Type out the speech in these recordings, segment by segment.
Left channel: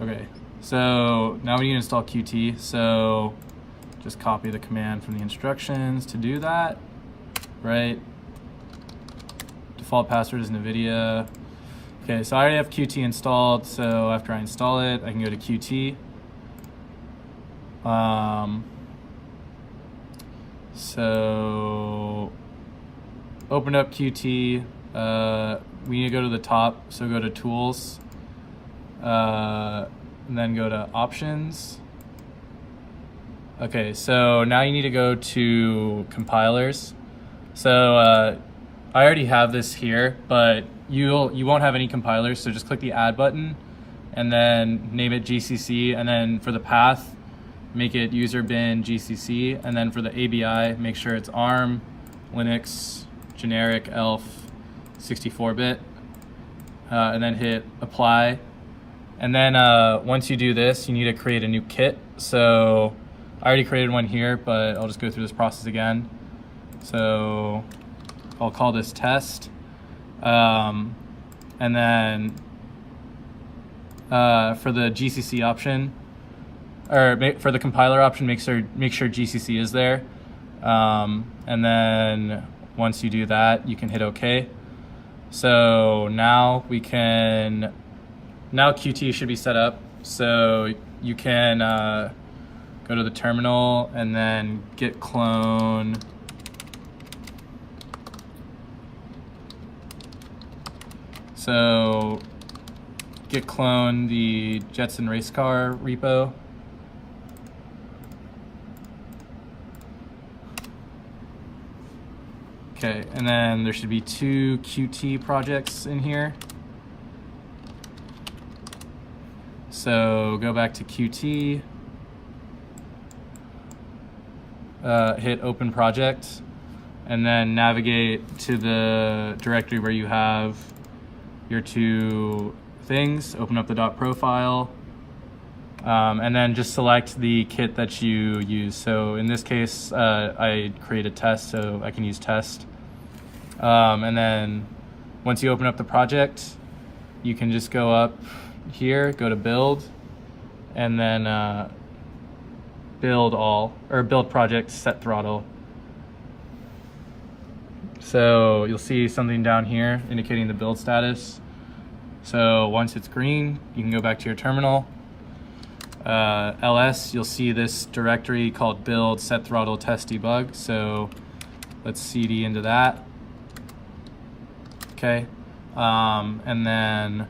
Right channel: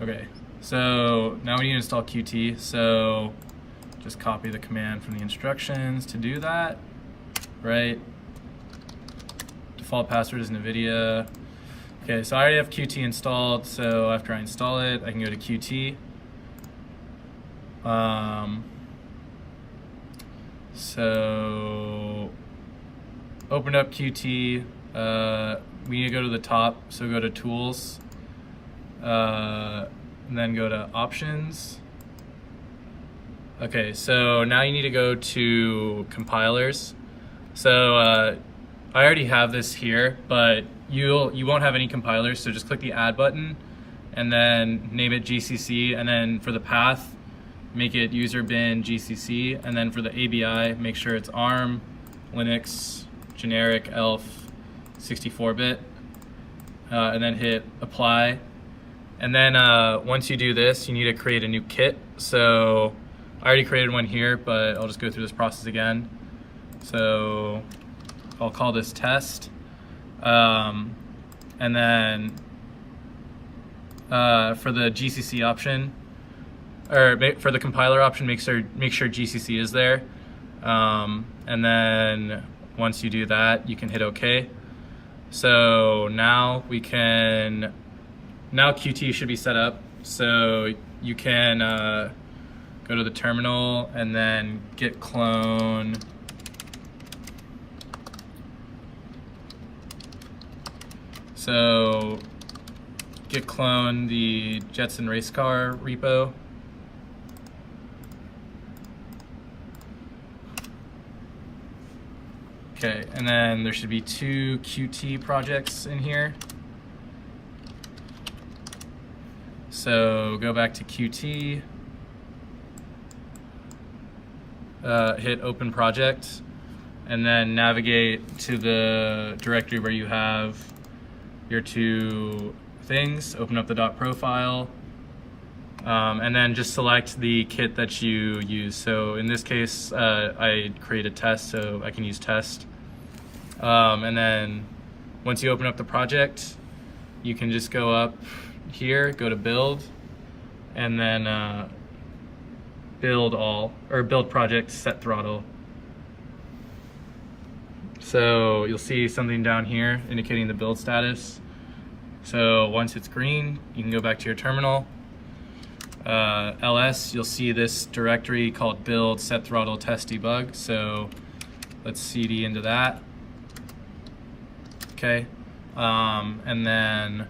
Okay, so now we need to install Qt. So just copy the command from the instructions to do that, right? Default password is NVIDIA. Okay, so I already have Qt installed, so after I install it, I can go to Qt. So open up Qt. We need to go to the top, so go to Tools, and then go to Options. Okay, so now you need to go to Compilers. So I already have this here, but you won't have any compilers, so just click the Add button, and then name it GCC, and then for the path, make it user bin GCC, and then for the ABI, make sure it's ARM, Linux, generic, ELF, 64-bit, and then hit apply. And then once you do this, you need to create a new kit. So I already created one here, but I'll just go through this process again. So I'll call this test. And then for the GCC option, or for the compiler option, make sure GCC is there. And then once you do that, you can hit OK. So now now Qt should be set up. So you can go to the terminal and then git clone git clone the Jetson race car repo. Okay, and then there should be 2 Qt projects in here. So go back to Qt, hit Open Project, and then navigate to the directory where you have your 2 things. Open up the .pro file, and then just select the kit that you use. So in this case, I created test, so I can use test. And then once you open up the project, you can just go up here, go to build, and then build project, set throttle. So you'll see something down here indicating the build status. So once it's green, you can go back to your terminal. ls, you'll see this directory called build set throttle test debug. So let's cd into that. Okay, and then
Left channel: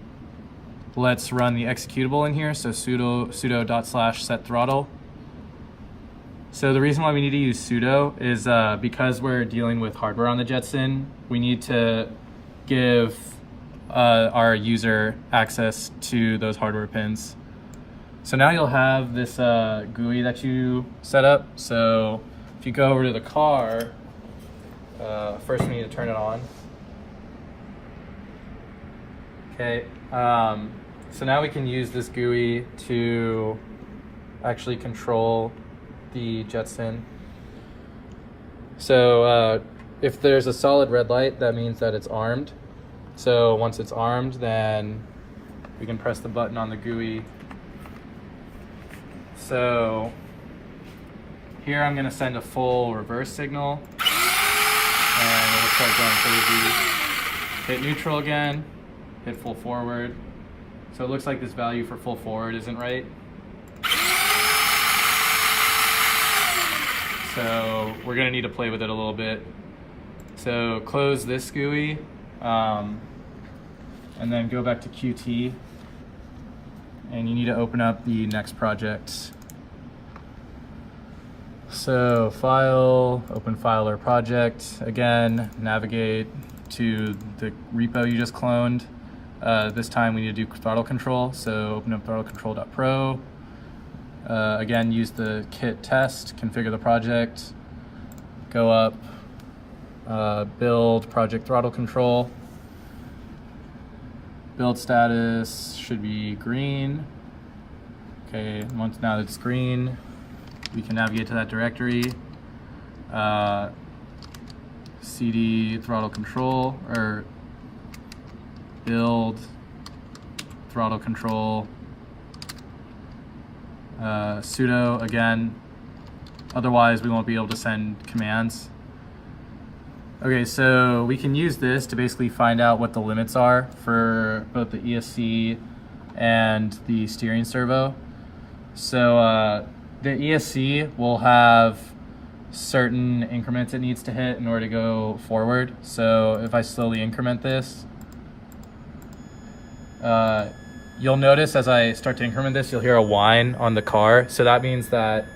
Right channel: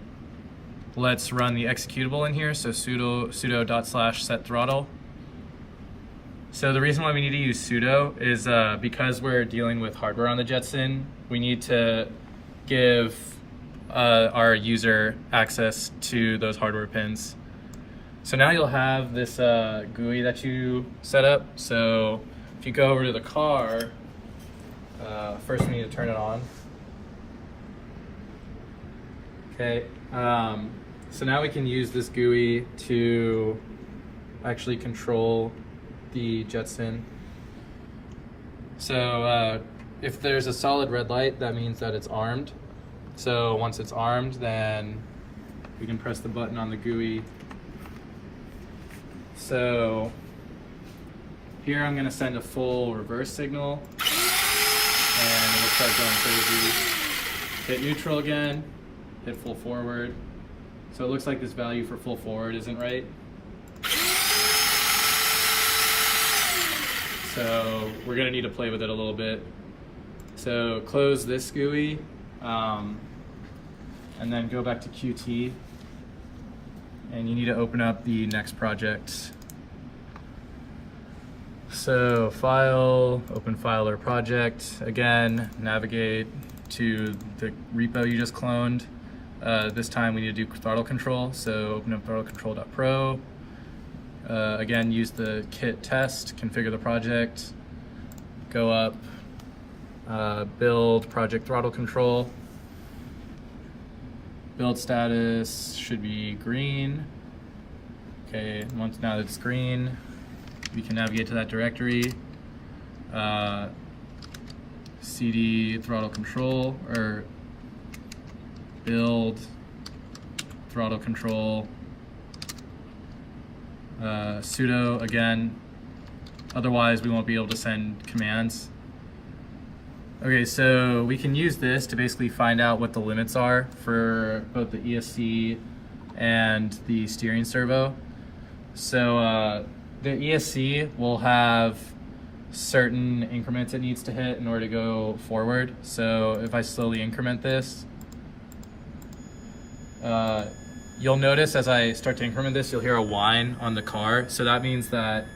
let's run the executable in here. So sudo /set throttle. So the reason why we need to use sudo is because we're dealing with hardware on the Jetson, we need to give our user access to those hardware pins. So now you'll have this GUI that you set up. So if you go over to the car, first we need to turn it on. Okay, so now we can use this GUI to actually control the Jetson. So if there's a solid red light, that means that it's armed. So once it's armed, then we can press the button on the GUI. So here I'm going to send a full reverse signal, and it'll start going crazy. Hit neutral again, hit full forward. So it looks like this value for full forward isn't right. So we're going to need to play with it a little bit. So close this GUI, and then go back to Qt, and you need to open up the next project. So file, open file or project. Again, navigate to the repo you just cloned. This time we need to do throttle control. So open up throttlecontrol.pro. Again, use the kit test, configure the project, go up, build project throttle control. Build status should be green. Okay, once now that it's green, we can navigate to that directory. CD throttle control, or build throttle control sudo again, otherwise we won't be able to send commands. Okay, so we can use this to basically find out what the limits are for both the ESC and the steering servo. So the ESC will have certain increments it needs to hit in order to go forward. So if I slowly increment this, you'll notice as I start to increment this, you'll hear a whine on the car. So that means that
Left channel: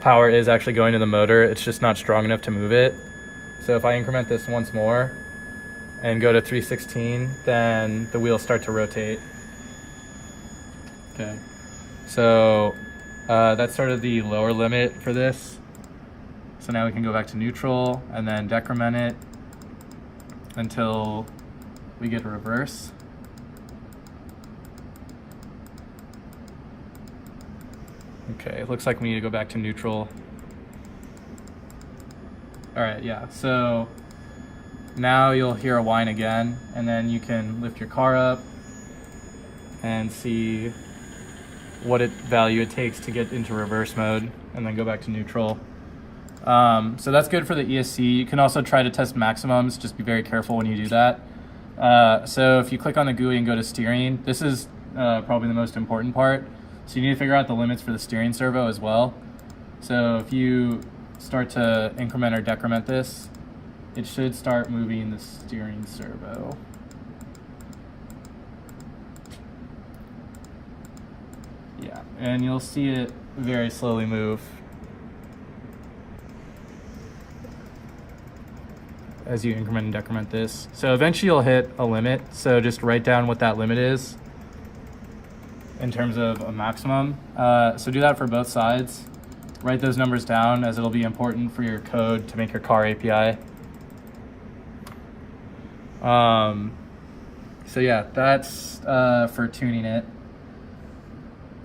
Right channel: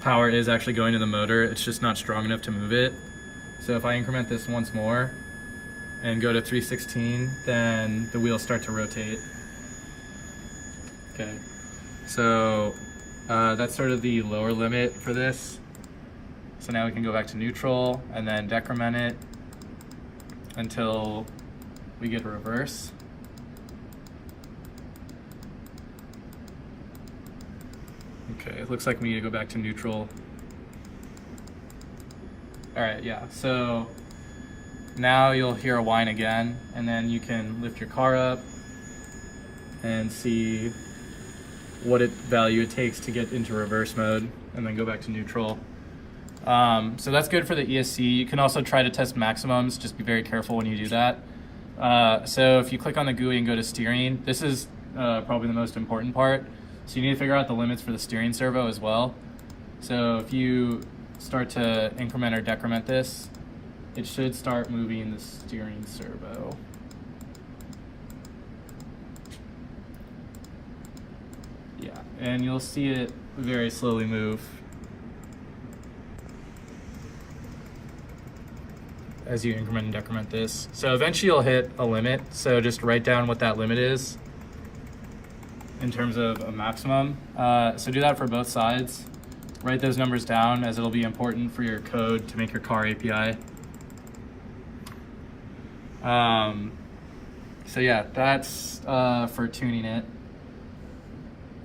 power is actually going to the motor. It's just not strong enough to move it. So if I increment this once more and go to 316, then the wheels start to rotate. Okay, so that's sort of the lower limit for this. So now we can go back to neutral and then decrement it until we get a reverse. Okay, it looks like we need to go back to neutral. All right, yeah, so now you'll hear a whine again, and then you can lift your car up and see what value it takes to get into reverse mode, and then go back to neutral. So that's good for the ESC. You can also try to test maximums, just be very careful when you do that. So if you click on the GUI and go to steering, this is probably the most important part. So you need to figure out the limits for the steering servo as well. So if you start to increment or decrement this, it should start moving the steering servo. Yeah, and you'll see it very slowly move as you increment and decrement this. So eventually you'll hit a limit, so just write down what that limit is in terms of a maximum. So do that for both sides. Write those numbers down, as it'll be important for your code to make your car API. So yeah, that's for tuning it.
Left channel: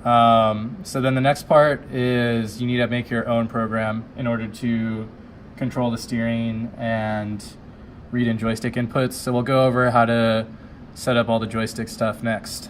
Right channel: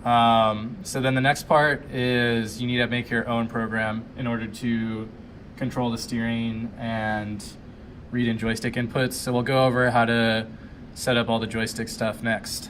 So then the next part is you need to make your own program in order to control the steering and read in joystick inputs. So we'll go over how to set up all the joystick stuff next.